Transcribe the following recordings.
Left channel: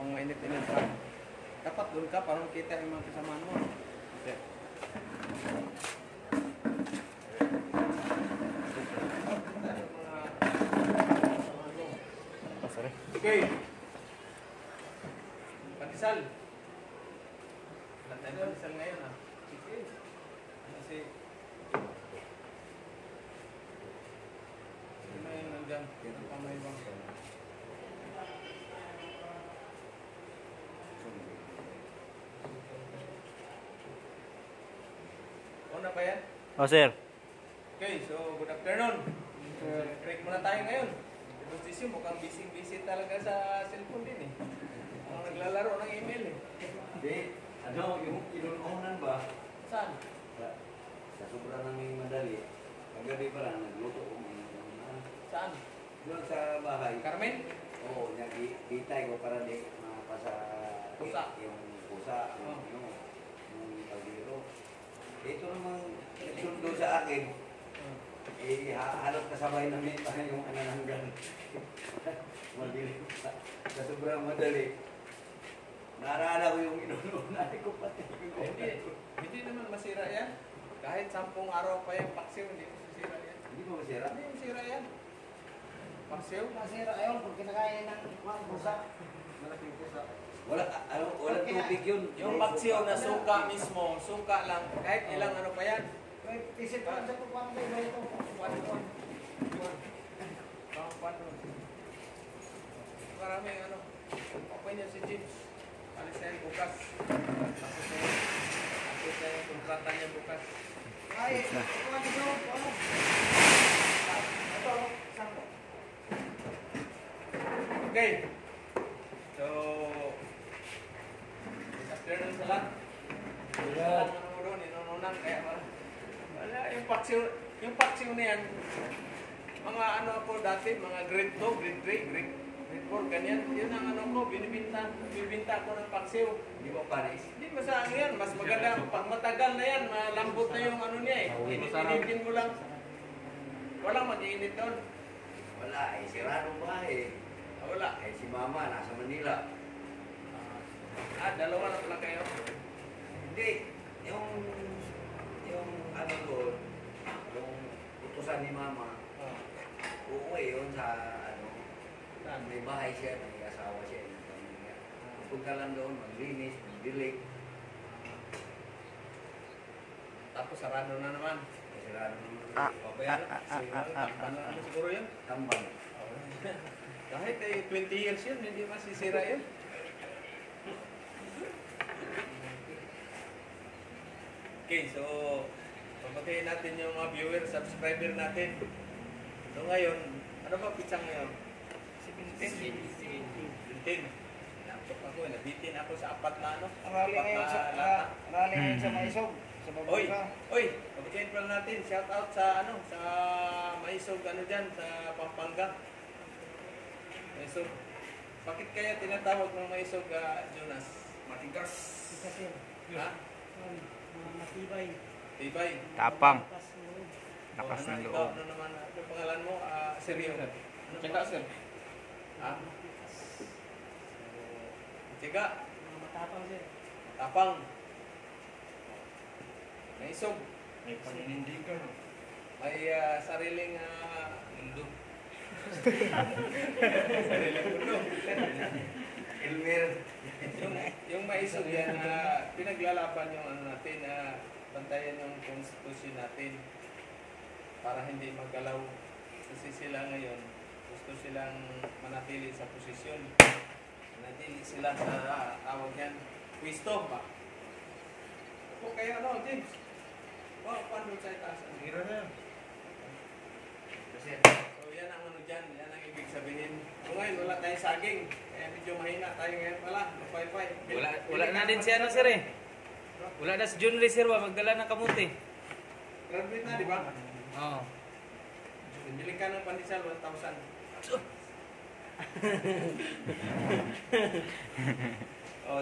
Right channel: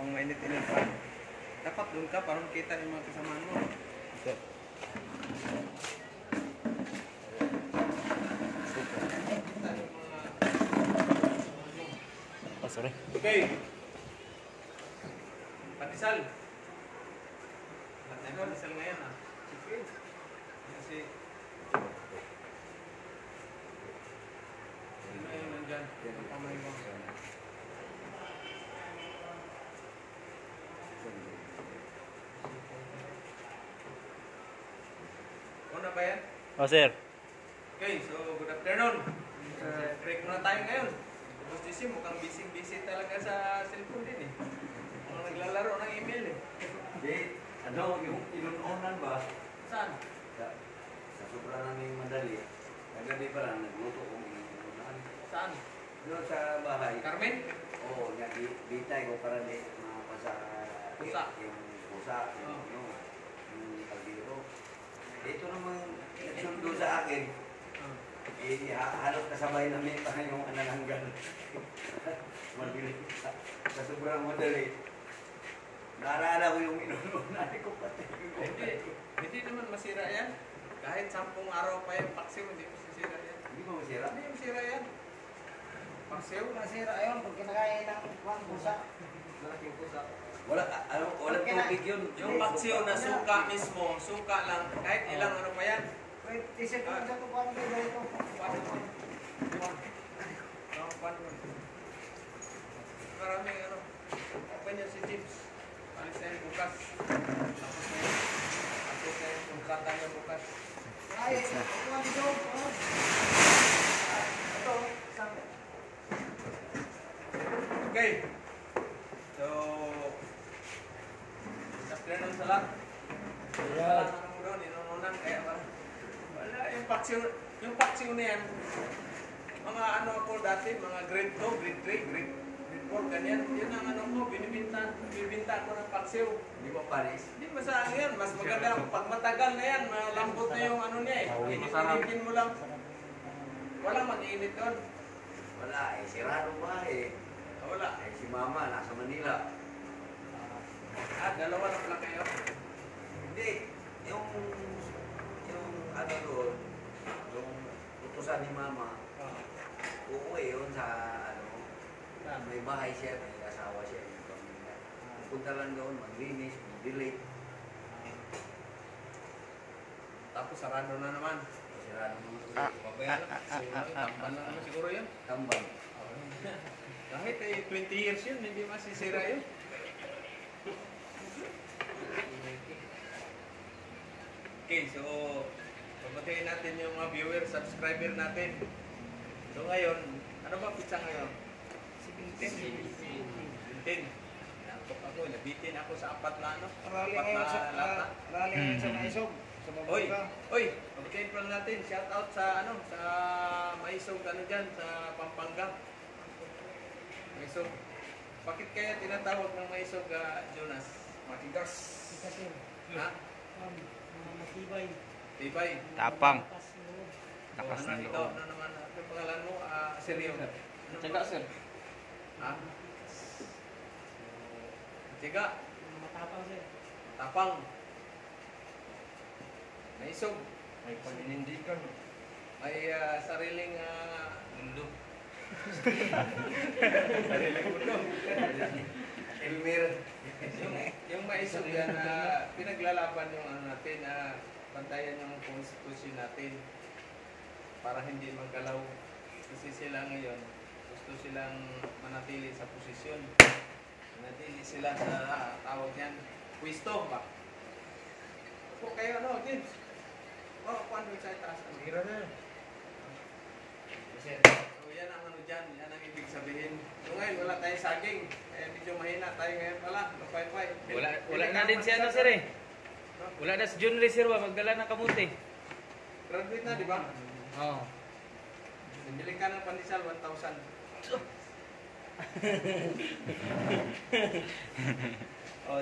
Habang mainit-init pa. Dapat doon ka para makita yung mga kasamaan mo. Okay. Sorry. Okay. Pandesal. Lahat tayong pandesal ngayon ah. Sige. Kasi sino yung nandyan? Ang kamay mo. Una ba yan? Oh, sir. Okay, so good afternoon. Break muna tayo ngayon. Tapos DC, mukhang busy talaga sa cellphone din eh. Mga naglalaro ng email eh. Hindi, ano, yung inuunan ba? Saan? Sa sobrang naming madali. Kagabi pa lang, nagluto kong inuunan. Saan? Doon sa bahay. Carmen? Oo, bitay ko para di mapasa Pusa. yung pusa, yung ano, yung kaldero. Ito namang nagsundo sa akin, halos kasabay namin pa yung anananggal. Mabilis sa sobrang madali. Naalala ko yung inuunan ko pati. Hindi naman masira yan. Kahit 10 araw pa yung paksiw, hindi masisira yan. Hindi mo masira? Hindi masira yan. Paksiw? Masira ayun pag kinakain ng pusa. Malaking pusa. Walang tubig yun. Yung paksiw na suka mismo, suka lang. Kahit ilang ano pa yan. Wait, isip ko sa tukuan ko dito. Maraming ano. Open yan si James. Alis na yan bukas. Tapos na yung kontrata niya bukas. Ay, tukuan dito. Ito, isang. Okay. So, good afternoon sa lahat. Wala ano mo doon, inununan. Kaya wala, yung paksiw na yan, mga ano ako dati, mga grade 2, grade 3, grade 4, ganyan. Yun ang ano ko, bibinta ko ng paksiw. Hindi mo panis. Hindi masayang yan, mas maganda. Pag matagal na yan, malambot na yung ano niya eh. Init-initin mo lang. Walang mag-iinit doon. Wala, sirado ba eh. Wala. Si mama, nasa Manila. Dalawa na pala kayo. Hindi, yung ano doon, yung utusan ni mama, uuwi yun sa ano, may bahay siya, may asawa siya. Punta lang doon, maglinis, magdilig. Tapos sarado na naman. Sirado naman. Pabayaan lang. Tamban lang ano siguro yun. Tambang. Kahit 20 years yun, hindi masisira yun. Okay, so papatiin natin yung mga viewer, subscriber natin. So ngayon, ano ba pizza ngayon? 17. Nakapok ako, nabitin ako sa apat na ano, Rally apat ngayon sa na lata. rally ngayon sa Maisog. Sa Oy, Babuga. papatiin pa lang natin, shout out sa ano, sa Maisog ano dyan, sa Pampanga. Maisog. Bakit kaya tinatawag ng Maisog, Jonas? Matigas. Kasi, Ha? matibay. Tibay. Tapang. Lakas ng loob. Lakas ng Ikaw, loob. ano naman, ano pangalan mo? Seryo. Ano Tiyaga, sir. Ha? Tiyaga. Matapang siya. Tapang. Maisog. May paninindigan. May sariling mundo. Sariling mundo. Elmer. Yung maisog yan, pinaglalaban yung ano natin, bantayan yung konstitusyon natin para hindi magalaw. Kasi sila ngayon, gusto silang manatili sa posisyon. Manatili sila sa tawag yan, pwesto ba? O kayo ano, James? Kuwan doon sa itaas. Bira na. So yan ang ano dyan, yan ang ibig sabihin. So ngayon wala tayong saging, kaya medyo mahina tayo ngayon pala, lupay-pay. Wala na din si ano, sir eh. Wala na si Jun Reserva, magdala ng kamuti. Graduate na, di ba? Oo. Bili ka ng pandesal, 1,000.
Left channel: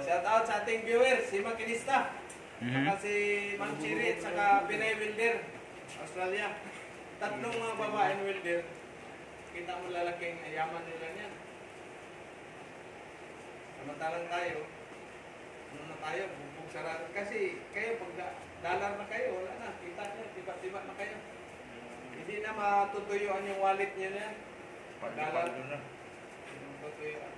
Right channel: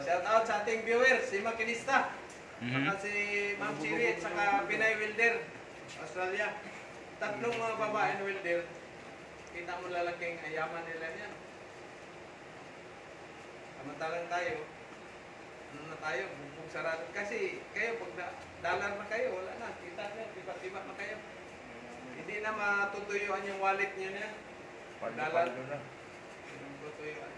Shout out sa ating viewers, si Makinista. Saka si Ma'am Chiri at saka Pinay Wilder, Australia. Tatlong mga babaeng welder. Kita mo lalaking ayaman nila niyan. Samantalang tayo, ano na tayo, bugbog sarado. Kasi kayo, pag dollar na kayo, wala na. Kita nyo, tiba-tiba na kayo. Hindi na matutuyuan yung wallet nyo na yan. Pag dollar, tutuyuan.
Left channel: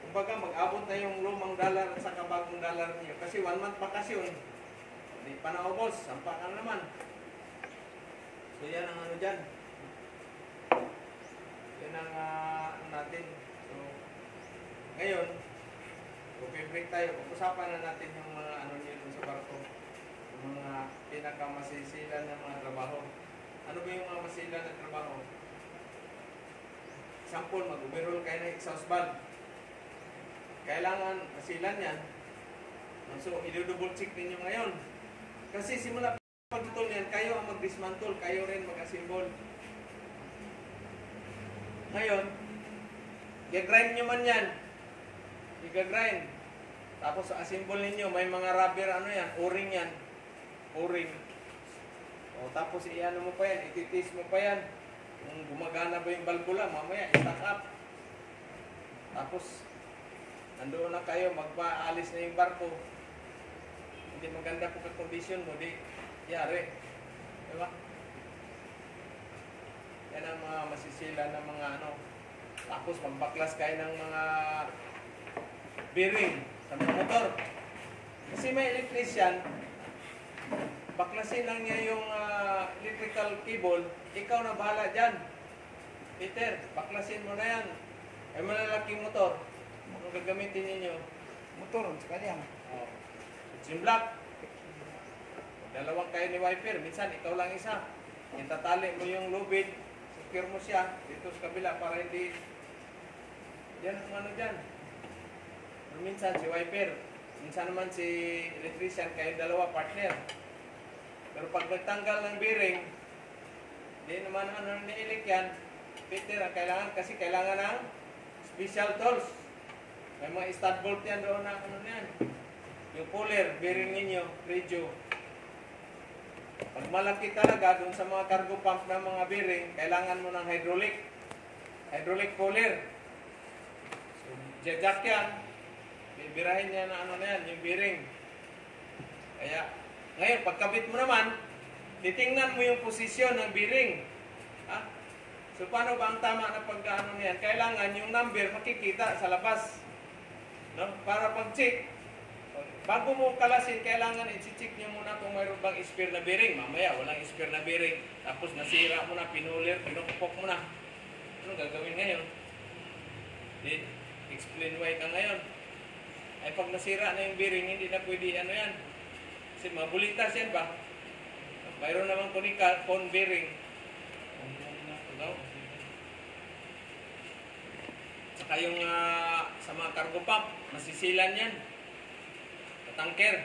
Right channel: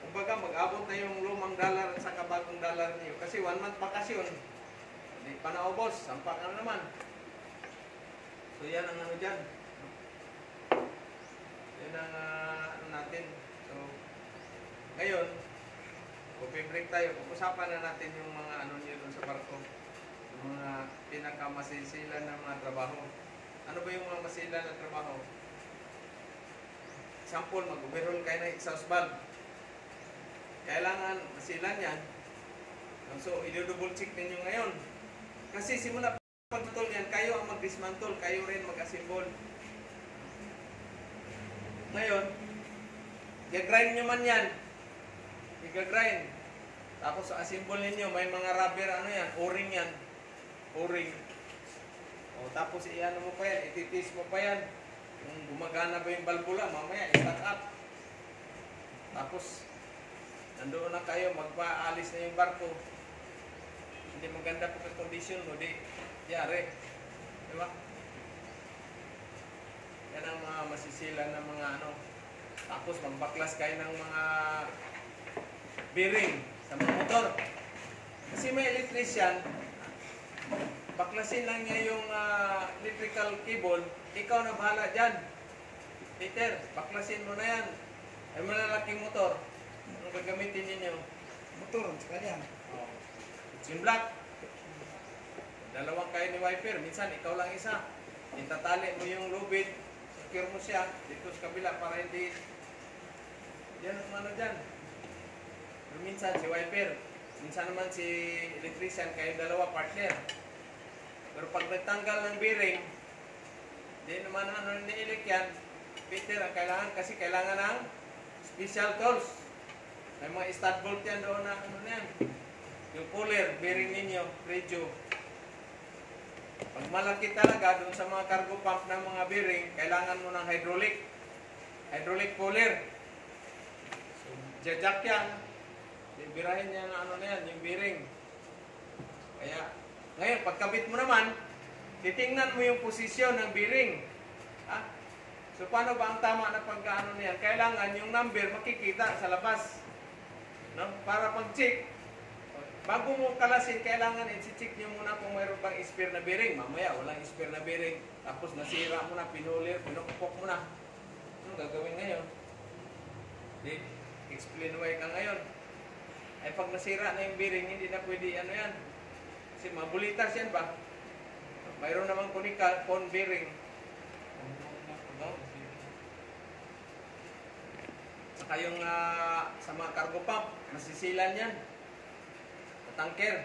Kumbaga, mag-abot na yung lumang dollar at saka bagong dollar niyo. Kasi 1 month bakasyon, hindi pa naubos, sampak na naman. So yan ang ano dyan. Yan ang ano natin. So, ngayon, break tayo. Pag-usapan na natin yung mga ano niyo dun sa barko. Yung mga pinakamasisila ng mga trabaho. Ano ba yung mga masila na trabaho? Example, mag-overhaul kayo ng exhaust valve. Kailangan masilan yan. So, i-double check ninyo ngayon. Kasi simula pagtutol yan, kayo ang mag-dismantle, kayo rin mag-assemble. Ngayon, i-grind nyo man yan. I-grind. Tapos assemble ninyo, may mga rubber, ano yan, o-ring yan. O-ring. O, tapos i-ano mo pa yan, ititis mo pa yan. Kung gumagana ba yung balbula, mamaya, i-stack up. Tapos, nandoon na kayo, magpaalis na yung barko. Hindi maganda po ka condition mo, di yari. Diba? Yan ang mga masisila ng mga ano. Tapos magbaklas kayo ng mga bearing sa mga motor. Kasi may electrician, baklasin lang niya yung electrical cable, ikaw na bahala dyan. Peter, baklasin mo na yan. Ay malalaking motor. Anong gagamitin ninyo? Motor, sekali yan. Oh. Yung black. Dalawang kayo ni wiper. Minsan, ikaw lang isa. Itatali mo yung lubid. Secure mo siya. Dito sa kabila para hindi... Yan ang ano dyan. Pero minsan, si wiper. Minsan naman si electrician. Kayo dalawa, partner. Pero pag nagtanggal ng bearing, di naman ano niilik yan. Peter, ang kailangan kasi kailangan ng special tools. May mga stud bolt yan doon na ano na yan. Yung puller, bearing ninyo, radio. Pag malaki talaga doon sa mga cargo pump ng mga bearing, kailangan mo ng hydraulic. Hydraulic puller. So, jack yan. Bibirahin niya na ano na yan, yung bearing. Kaya, ngayon, pagkabit mo naman, titingnan mo yung posisyon ng bearing. Ha? So, paano ba ang tama na pagkaano niyan? Kailangan yung number makikita sa labas. No? Para pag-check, bago mo kalasin, kailangan i-check nyo muna kung mayroon bang spare na bearing. Mamaya, walang spare na bearing. Tapos nasira mo na, pinulir, pinukupok mo na. Ano gagawin ngayon? Explain why ka ngayon. Ay pag nasira na yung bearing, hindi na pwede ano yan. Kasi mabulitas yan ba? Mayroon naman cone bearing. No? Saka yung sa mga cargo pump, masisilan yan. Sa tanker.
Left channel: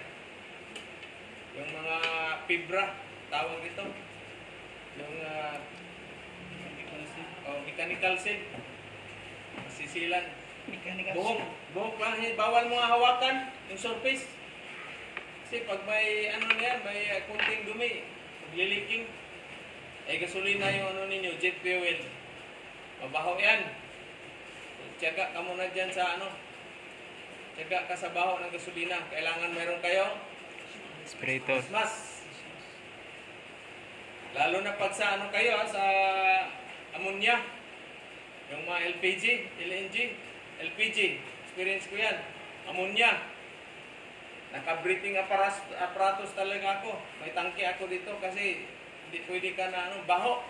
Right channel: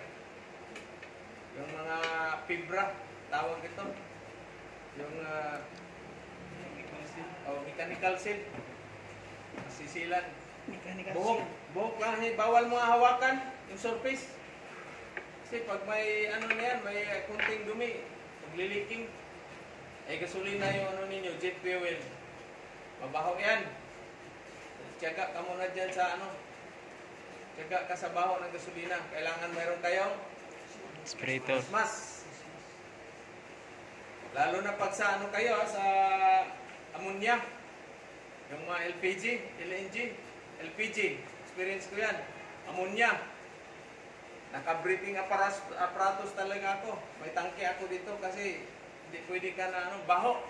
Yung mga fibra, tawag ito. Yung mechanical seal. Masisilan. Buhok lang, bawal mga hawakan yung surface. Kasi pag may ano na yan, may kunting dumi, pagliliking, ay gasolina yung ano ninyo, jet fuel. Mabaho yan. Tiyaga ka muna dyan sa ano, tiyaga ka sa baho ng gasolina. Kailangan mayroon kayong Aspirator. mas. Lalo na pag sa ano kayo, sa ammonia, yung mga LPG, LNG, LPG, experience ko yan, ammonia. Naka-breathing apparatus talaga ako. May tangke ako dito kasi hindi pwede ka na ano, baho.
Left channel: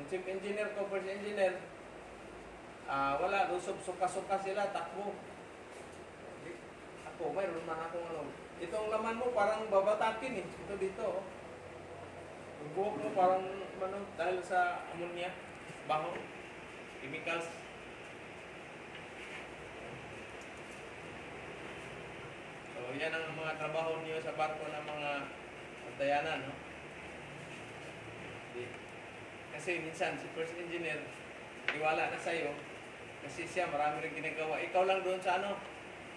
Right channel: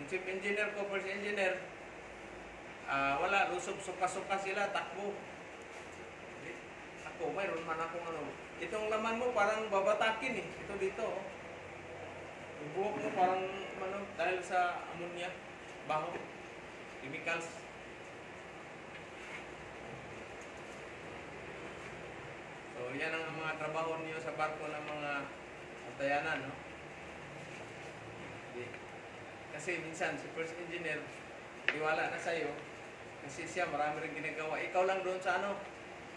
Yung chief engineer ko, first engineer, wala, suka-suka sila, takbo. Ako, mayroon man akong ano. Itong laman mo parang babatakin eh. Ito dito, oh. Yung buhok mo parang ano, dahil sa ammonia, baho, chemicals. So, yan ang mga trabaho niyo sa barko ng mga antayanan, no? Kasi minsan, si first engineer, iwala na sa'yo, kasi siya marami rin ginagawa. Ikaw lang doon sa ano,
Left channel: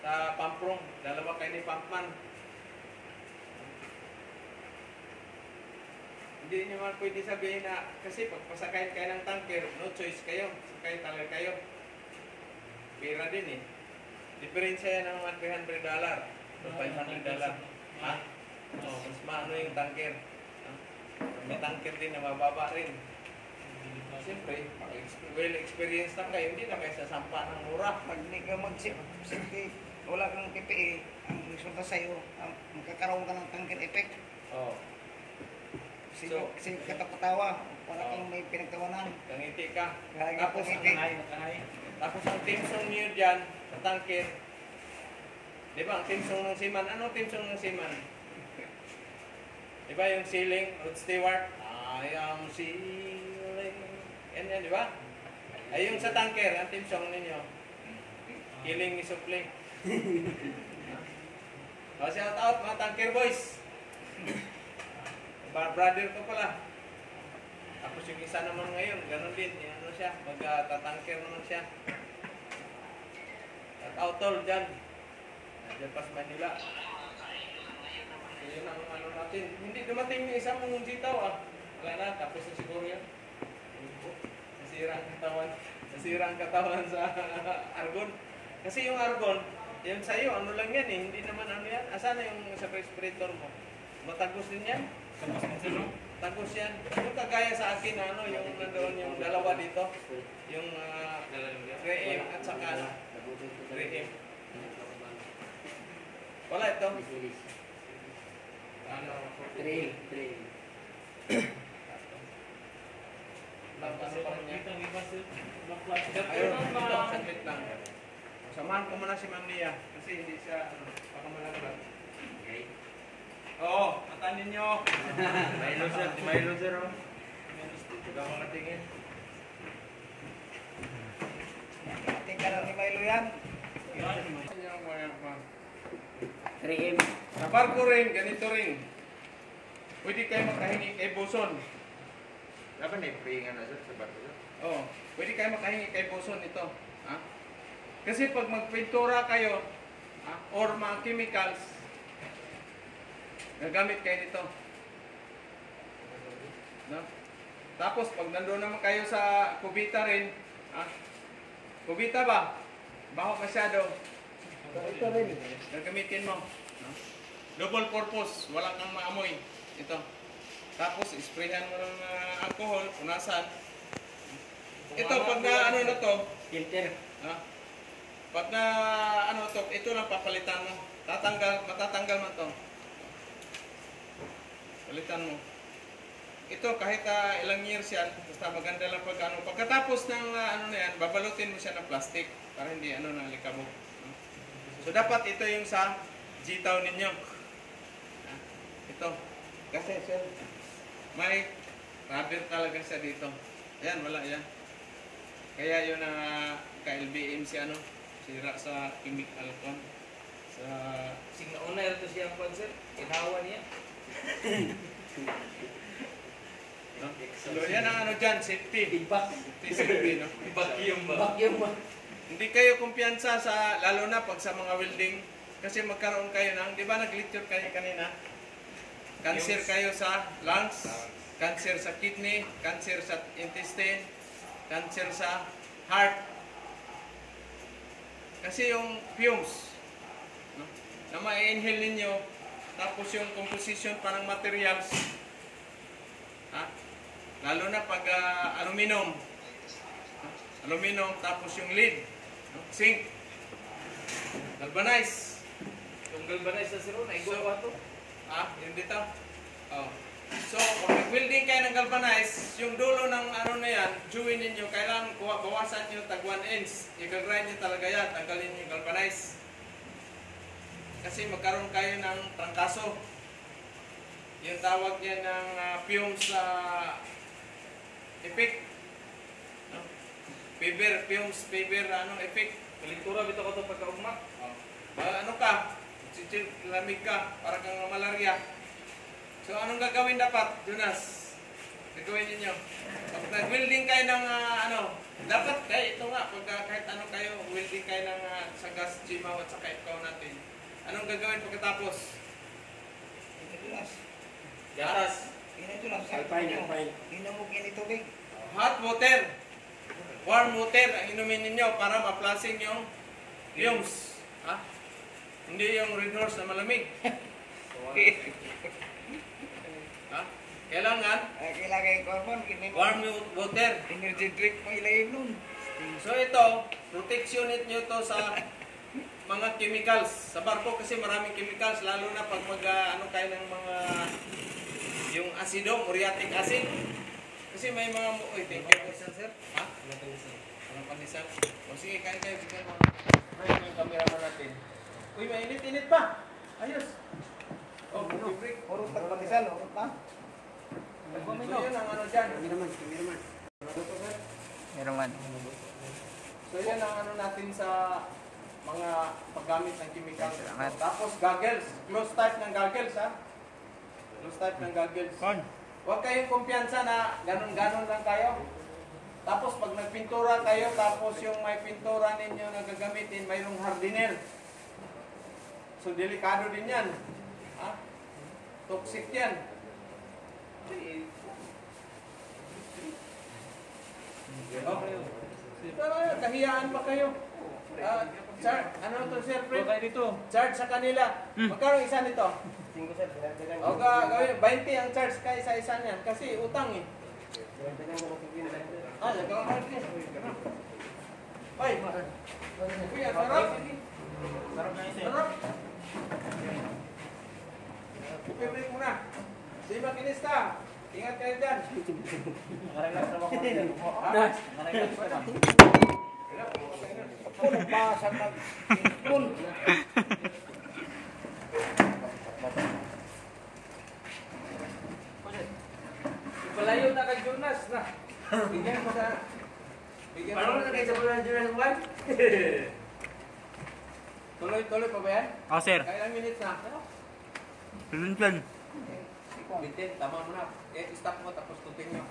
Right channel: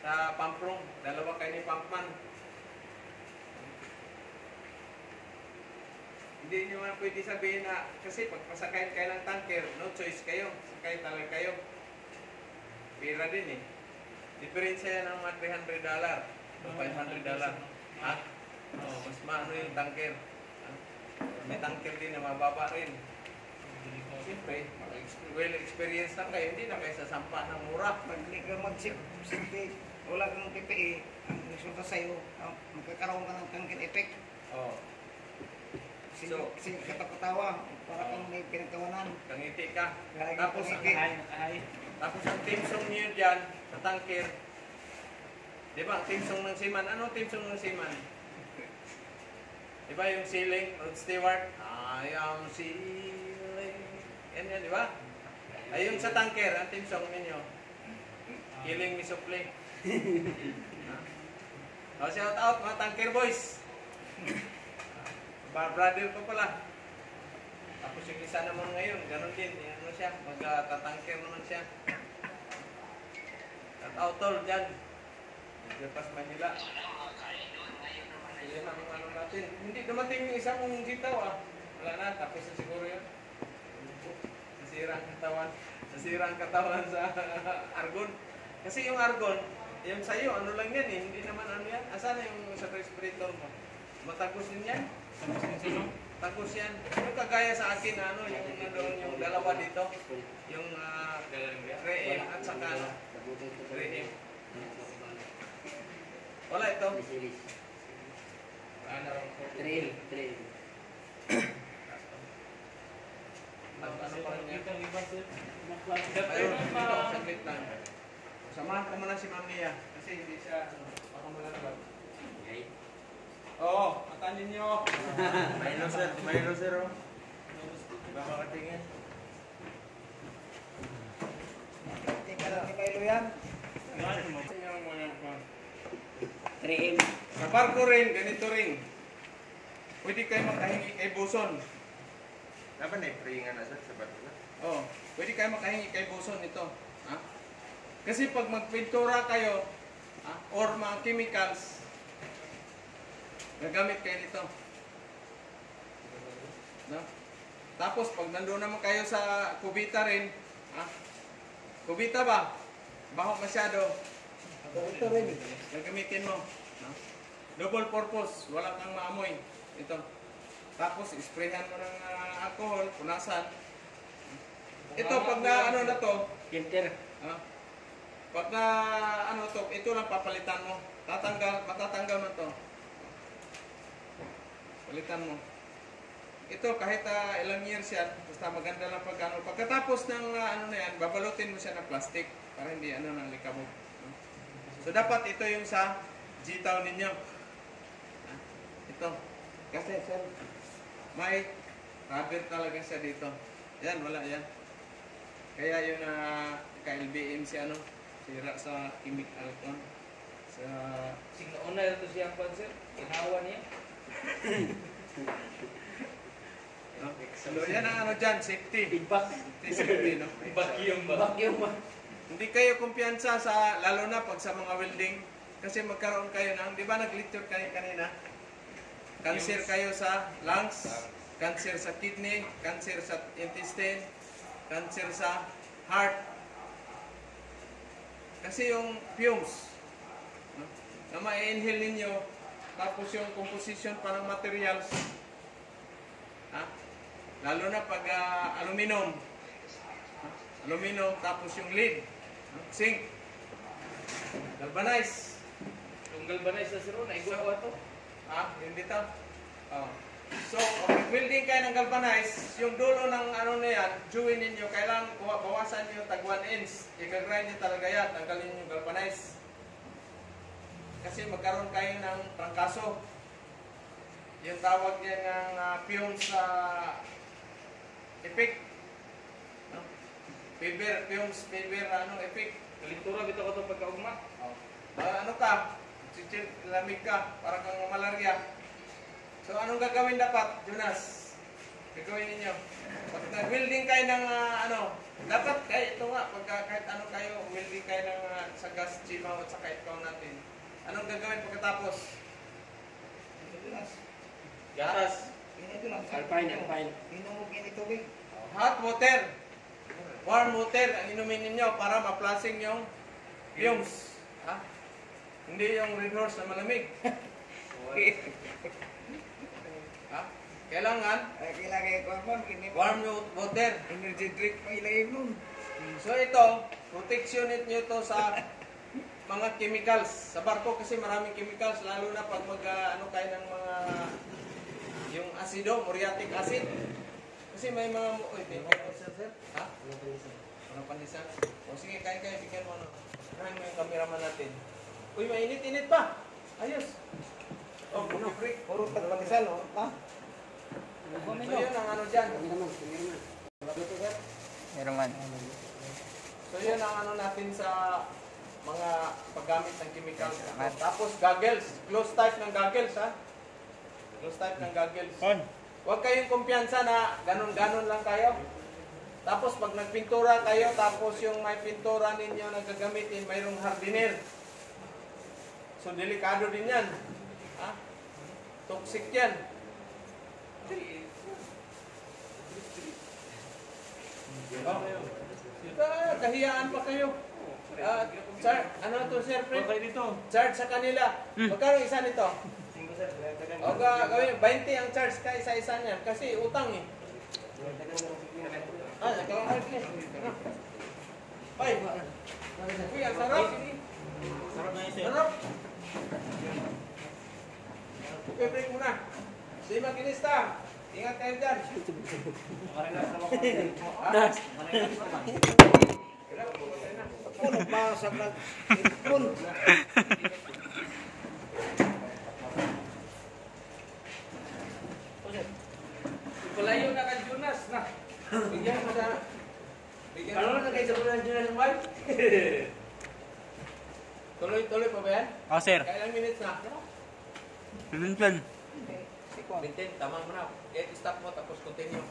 sa pump room, dalawa kayo ni pumpman. Hindi nyo man pwede sabihin na, kasi pag pasakay kayo ng tanker, no choice kayo, sakay talaga kayo. pera din eh. Diferensya yan ng mga $300 o $500. Ha? Oh, mas maano yung tanker. Ha? May tanker din na mababa rin. Siyempre, well experience lang kayo, hindi na kayo sasampa ng mura. Pag hindi ka mag-safety, wala kang PPE, ang resulta sa'yo, magkakaroon ka ng tangkid effect. Oh, Kasi katapatawa, para kang may pinagtawanan. kangiti ka. Lagi Tapos, kang ngiti. tapos ang team song niyo dyan sa tanker, di ba ang team song ng seaman? Anong team song ng seaman? Di ba yung ceiling, Rod Stewart? I am ceiling. Yan yan, di ba? Ay yung sa tanker, ang team song ninyo. Killing me softly. O, shout out mga tanker boys. Brother ko pala. Tapos yung isa naman ngayon, ganun din. Yung ano siya, magtatanker naman siya. Shout out tol dyan. Nandiyan pa sa Manila. So yun ang ano natin. Hindi dumating yung isang sitaw ah. Wala na, tapos na siguro yan. Nasira ang katawan. Nasira ang katawan sa argon. Kasi yung argon, yung sa'yo, ano lang yan eh. Hindi naman ano yan. Asan na yung sa respirator mo? Matagos din yan. Tagos yan. Yung kagaya sa akin, ano, yung nandoon yung dalawa dito. Yung reem at saka ano. Reem. Wala ito. Ano? Ano pa niya? Ayun, ito, saglit lang. Samahan ko muna si Ma'am Nia. Kasi hindi siya, baka malaglag. Oo, atanin nyo. May loser, oh. Baka katingin. Tingka lang ni Milo yan. Sa barko rin, ganito rin. Pwede kayo makahingi kay Buson. Dapat na i-pringan na sir sa barko. Oo, pwede kayo makahingi kay Buson ito. Ha? Kasi pag magpintura kayo, or mga chemicals, gagamit kayo nito. No? Tapos pag nandoon naman kayo sa kubita rin, kubita ba? Baho masyado. Ito rin. Gagamitin mo. No? Double purpose, wala kang maamoy. Ito. Tapos isprayhan mo ng alcohol, punasan. Ito pag na ano na to, Filter. pag na ano to, ito lang papalitan mo. Matatanggal man to. Palitan mo. Ito kahit ilang years yan, basta maganda lang pag ano. Pagkatapos ng ano na yan, babalutin mo siya ng plastic para hindi ano na likabog. No? So dapat ito yung sa G-Town ninyo. Ito. Kasi sir, may rubber talaga siya dito. Yan, wala yan. Kaya yun na ka-LBM si ano, sira sa chemical con. Sa Signauna ito siyang panser. Inawa niya. no? So yan ang ano dyan, safety. Feedback. Safety, no? Vacuum ba? Vacuum ba? Hindi kayo kumpiyansa sa, lalo na pag sa mga welding, kasi magkaroon kayo ng, di ba nag-lecture kayo kanina? Cancer kayo sa lungs, cancer sa kidney, cancer sa intestine, cancer sa heart. Kasi yung fumes, no? Na ma-inhale ninyo, tapos yung composition pa ng materials, lalo na pag aluminum, aluminum, tapos yung lead, zinc, galvanize. Yung galvanize na siro, naigwa to. Yung dito. Oh. So, pag nag-welding kayo ng galvanize, yung dulo ng ano na yan, join ninyo, kailangan bawasan nyo tag 1 inch. I-grind nyo talaga yan, tanggalin nyo yung galvanize. Kasi magkaroon kayo ng trangkaso. Yung tawag yan ng fumes effect. No? Fumes, paper, effect. Kalintura, bito ko ito pagkaugma. Ano ka? Lamig ka, para kang malarya. So, anong gagawin dapat, Jonas? Gagawin ninyo. Pag nag-welding kayo ng dapat kahit ito nga, kahit ano kayo, welding kayo ng sa gas, chimaw at saka ikaw natin. Anong gagawin pagkatapos? Gatas. Ito lang. Alpine. Hinamog yan ito, Big. Hot water. warm water ang inumin ninyo para ma-flushing yung fumes. Ha? Hindi yung Red Horse na malamig. Ha? Kailangan Kailangan yung korban, warm water. energy drink pa ilagay nun. So ito, protection nyo to sa mga chemicals. Sa barko kasi maraming chemicals, lalo na pag ano kayo ng mga yung asido, muriatic acid. Kasi may mga uy, thank you sir. Ha? Walang pandisan. O sige, kain kayo, sige mo. Ay, yung cameraman natin. Uy, mainit-init pa. Ayos. Oh, break. Urot na patisal, urot na. So yun ang ano dyan. Meron man. So yan ang ano natin sa mga paggamit ng chemicals. Salamat. Tapos goggles, close type ng goggles ha. Close type ng goggles. Huwag kayong kumpiyansa na ganun-ganun lang kayo. Tapos pag nagpintura kayo, tapos yung may pintura ninyo na gagamitin, mayroong hardener. So delikado din yan. Ha? Toxic yan. Oh. Kahiyaan pa kayo. Ano to sir, Fred? Charge sa kanila. Magkano isa nito? O gawin, 20 ang charge ka isa-isa niyan. Kasi utang eh. Nagkakahard eh. Ay, kuya, sarap. Sarap. Okay, break muna. Si makinista, ingat kayo dyan. Masagad. Pun. Palayo na kay Jonas na. Bigyan mo sa... Bigyan mo na kay Jonas wife. Tuloy-tuloy pa ba yan? Oh, sir. Kailang minutes na? Plan. Bintin, tama mo na. Stop mo tapos continue.